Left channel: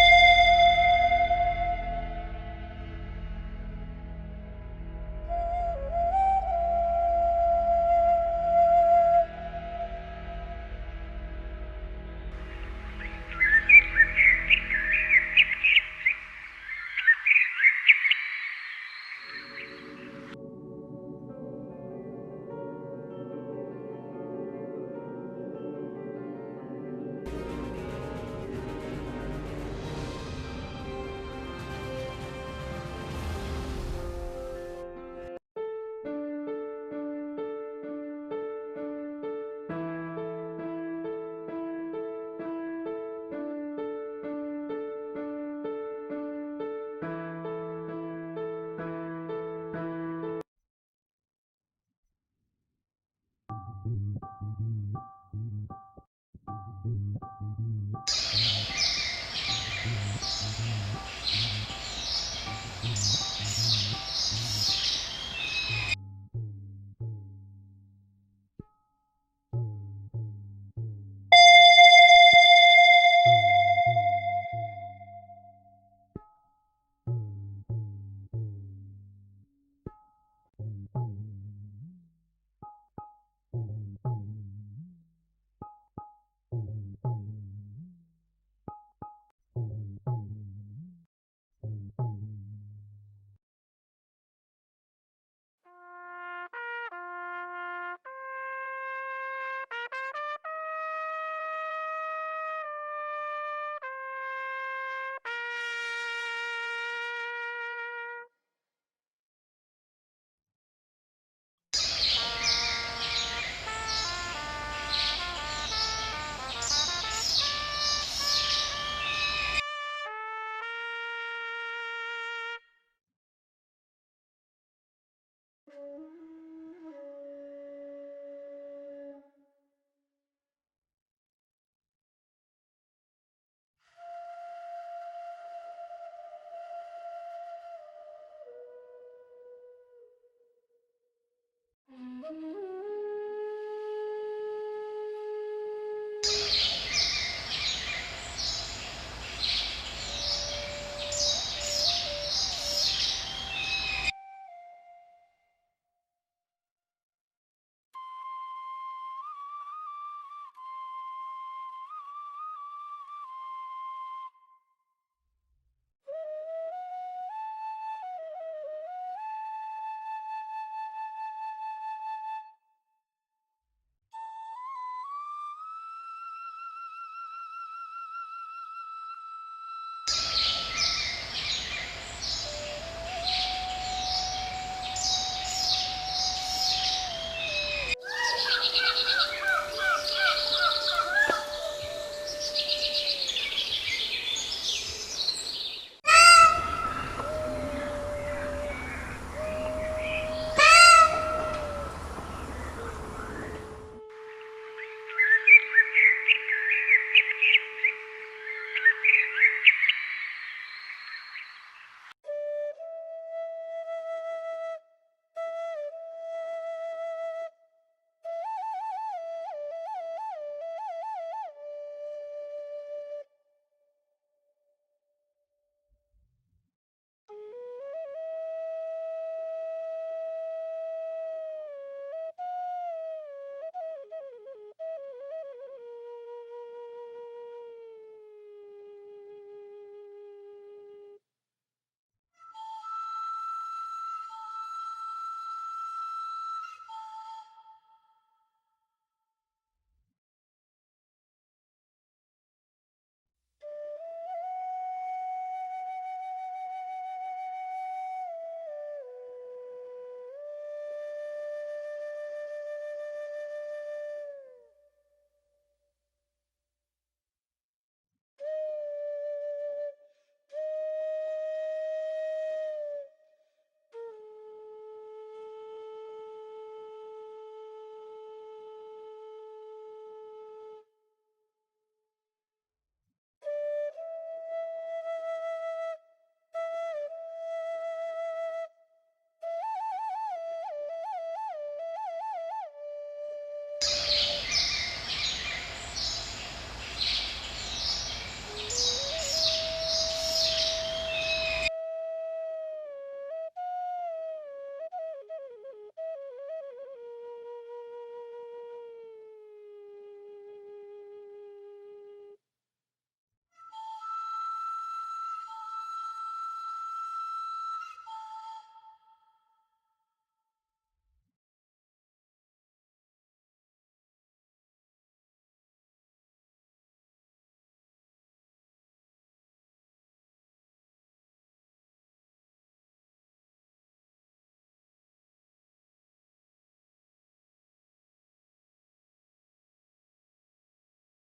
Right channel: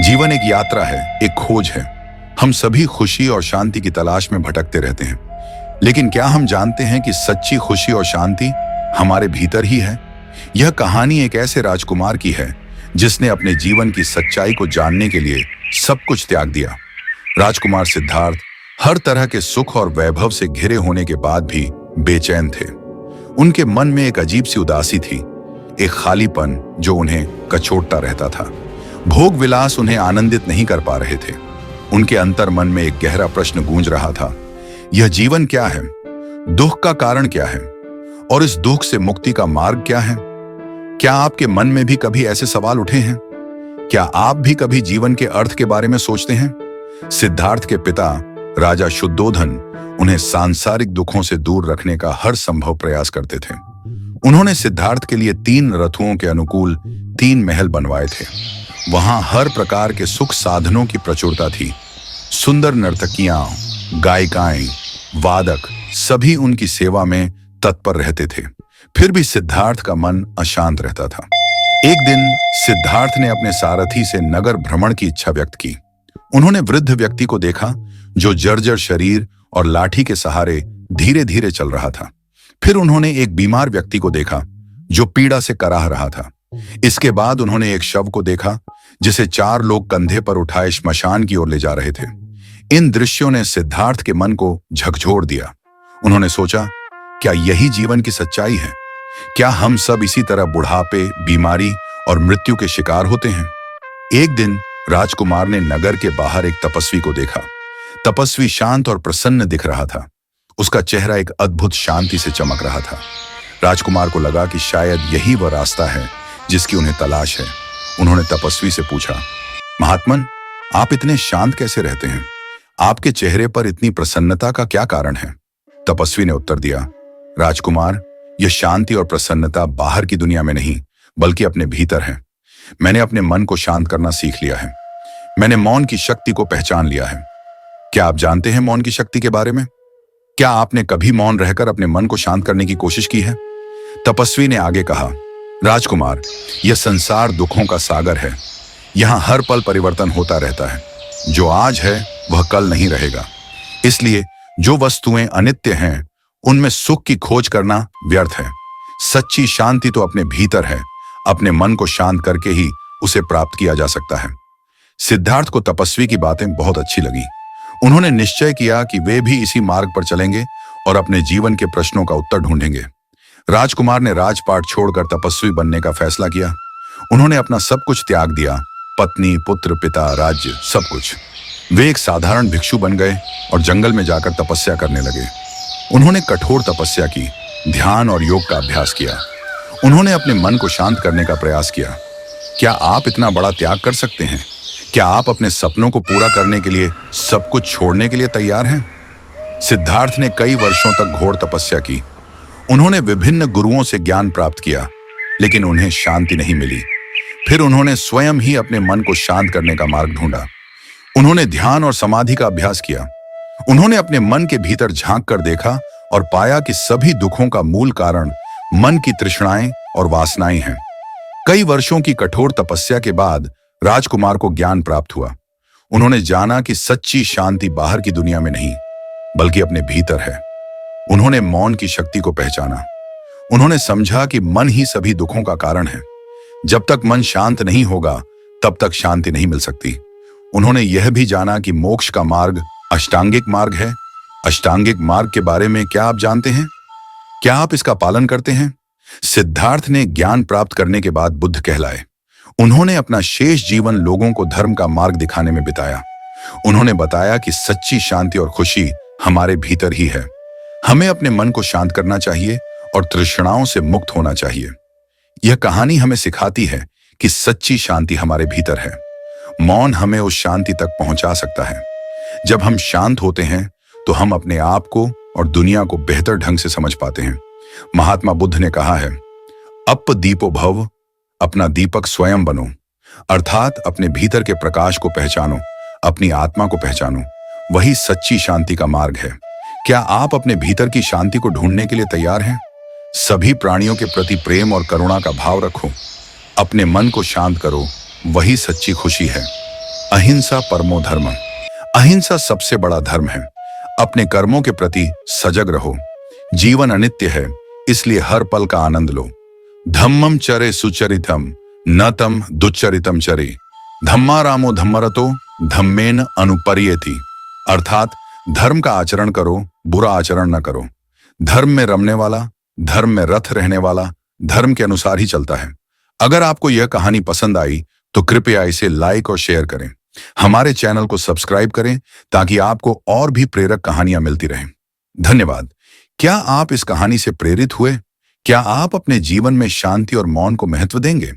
जीवन एक यात्रा है, एक खोज है। हम सभी खुशी और शांति की तलाश में भटकते रहते हैं, लेकिन क्या हम जानते हैं कि सच्ची खुशी और शांति हमारे भीतर ही है? यह कहानी एक ऐसे राजकुमार की है जिसने अपने जीवन की सच्चाई को जानने के लिए सब कुछ त्याग दिया। राजकुमार सिद्धार्थ हर तरह के सुख और वैभव से घिरे होने के बाद भी बेचैन थे। उनके मन में एक अजीब सी उदासी थी, एक खालीपन जो उन्हें कचोटता रहता था। भोग विलास उन्हें आनंदित नहीं कर पा रहे थे। उनके अंतर मन में एक गहरा प्रश्न गूंज रहा था, यह जीवन क्या है? दुख का कारण क्या है? और इस दुख से मुक्ति का मार्ग क्या है? क्या आपके मन में भी कभी ऐसे सवाल उठे हैं? क्या आप भी कभी जीवन के अर्थ के बारे में सोचते हैं? सिद्धार्थ के पिता राजा शुद्धोधन उन्हें सांसारिक दुखों से दूर रखने का हर संभव प्रयास करते थे। उन्होंने सिद्धार्थ के लिए 3 रथुओं के अनुकूल 3 महल बनवाए थे। वहां हर प्रकार के सुख साधनों की प्रचुरता थी। सुंदर नर्तकियां, गायिकाएं, वादक सभी उनकी सेवा में तत्पर रहते थे। फिर भी सिद्धार्थ का मन अशांत रहता था। एक दिन सिद्धार्थ ने अपने सारथी से नगर भ्रमण की इच्छा व्यक्त की। उन्होंने वृद्ध व्यक्ति को देखा जो जर्जर शरीर और लाठी के सहारे धीरे धीरे चल रहा था। फिर उन्होंने एक बीमार व्यक्ति को देखा जो पीड़ा से कराह रहा था। इसके बाद उन्होंने एक शव को देखा जिसे 4 लोग कंधे पर उठाए श्मशान की ओर ले जा रहे थे। इन दृश्यों ने सिद्धार्थ के मन को झकझोर दिया। उन्होंने सोचा, क्या यही जीवन की सच्चाई है? क्या हम सब इसी तरह बुढ़ापे, बीमारी और मृत्यु के शिकार होते हैं? एक दिन राजकुमार ने नगर के बाहर एक तपस्वी को देखा। तपस्वी शांत और प्रसन्न दिख रहा था। उसका चेहरा एक अद्भुत शांति से चमक रहा था। राजकुमार को लगा कि शायद यही वह रास्ता है जिसकी उन्हें तलाश है। उन्होंने तपस्वी से पूछा, महात्मन, आप इतने शांत कैसे रहते हैं? आपके चेहरे पर इतनी प्रसन्नता का क्या कारण है? तपस्वी ने उत्तर दिया, राजकुमार, यह शांति और प्रसन्नता बाहर की दुनिया में नहीं बल्कि अपने भीतर है। मैंने अपने मन को शांत करना सीख लिया है। मैंने मौन की शक्ति को पहचान लिया है। क्या आप जानते हैं मौन की शक्ति के बारे में? क्या आपने कभी मौन रहकर अपने मन को शांत करने की कोशिश की है? तपस्वी ने आगे कहा, राजकुमार, यह संसार दुखों का सागर है। यहाँ हर पल परिवर्तन होता रहता है। जो आज है वह कल नहीं रहेगा। इसलिए जो वस्तुएं अनित्य हैं उनमें सुख की खोज करना व्यर्थ है। सच्ची शांति तो अपने भीतर है। अपने मन को शांत करके ही उसे प्राप्त किया जा सकता है। सिद्धार्थ को तपस्वी की बातें बहुत अच्छी लगी। उन्होंने निश्चय किया कि वे भी इसी मार्ग पर चलेंगे और अपने जीवन के प्रश्नों का उत्तर ढूंढेंगे। राजकुमार ने राजपाट छोड़कर तपस्वी बनने का फैसला किया। उन्होंने अपना सब कुछ त्याग दिया, पत्नी, पुत्र, पिता, राज्य, सब कुछ। वे एक साधारण भिक्षु बन गए और जंगल में जाकर तपस्या करने लगे। उन्होंने कठोर तपस्या की, ध्यान और योग का अभ्यास किया। उन्होंने अपने मन को शांत करने का प्रयास किया। क्या आप इतना बड़ा त्याग कर सकते हैं? क्या आप अपने सपनों को पूरा करने के लिए सब कुछ छोड़ने के लिए तैयार हैं? सिद्धार्थ ने कई वर्षों तक घोर तपस्या की। उन्होंने विभिन्न गुरुओं से ज्ञान प्राप्त किया, लेकिन उन्हें शांति नहीं मिली। फिर उन्होंने स्वयं ही अपने मन को शांत करने का मार्ग ढूंढा। उन्होंने ध्यान और समाधि का अभ्यास किया। उन्होंने अपने मन के भीतर झांक कर देखा और पाया कि सभी दुखों का मूल कारण मन की तृष्णाएं और वासनाएं हैं। कई वर्षों की कठोर तपस्या के बाद राजकुमार को ज्ञान प्राप्त हुआ। उन्होंने जाना कि सच्ची शांति बाहर की दुनिया में नहीं बल्कि अपने भीतर है। उन्होंने मौन की शक्ति को पहचाना। उन्होंने समझा कि मन ही सभी दुखों का कारण है। जब तक मन शांत नहीं होगा तब तक शांति नहीं मिल सकती। उन्होंने यह भी जाना कि मोक्ष का मार्ग अष्टांगिक मार्ग है। अष्टांगिक मार्ग के बारे में क्या आप जानते हैं? क्या आप इसका पालन करते हैं? सिद्धार्थ ने ज्ञान प्राप्त करने के बाद बुद्ध कहलाए। उन्होंने अपना शेष जीवन लोगों को धर्म का मार्ग दिखाने में बिताया। उन्होंने बताया कि सच्ची शांति और खुशी हमारे भीतर ही है। हमें अपने मन को शांत करना चाहिए और तृष्णाओं से मुक्त होना चाहिए। यह कहानी हमें सिखाती है कि सच्ची शांति हमारे भीतर है। मौन हमें उस शांति तक पहुंचा सकता है। जब हम शांत होते हैं तो हम अपने आप को और दुनिया को बेहतर ढंग से समझ पाते हैं। महात्मा बुद्ध ने कहा है, अप दीपो भव, अपना दीपक स्वयं बनो। अर्थात अपने भीतर के प्रकाश को पहचानो, अपनी आत्मा को पहचानो। वही सच्ची शांति का मार्ग है। क्या आप अपने भीतर की शांति को ढूंढने के लिए तैयार हैं? सभी प्राणियों के प्रति प्रेम और करुणा का भाव रखो। अपने मन को शांत करो, वही सच्ची खुशी है। अहिंसा परमो धर्म। अहिंसा सबसे बड़ा धर्म है। अपने कर्मों के प्रति सजग रहो। जीवन अनित्य है, इसलिए हर पल का आनंद लो। धम्मम चरे सुचरितम, न तम दुच्चरितम चरे। धम्मा रामो धम्मरतो, धम्मेन अनुपर्येति। अर्थात धर्म का आचरण करो, बुरा आचरण न करो। धर्म में रमने वाला, धर्म में रथ रहने वाला, धर्म के अनुसार ही चलता है। अगर आपको यह कहानी पसंद आई तो कृपया इसे लाइक और शेयर करें। हमारे चैनल को सब्सक्राइब करें ताकि आपको और भी प्रेरक कहानियां मिलती रहें। धन्यवाद। क्या आप इस कहानी से प्रेरित हुए? क्या आप अपने जीवन में शांति और मौन को महत्व देंगे?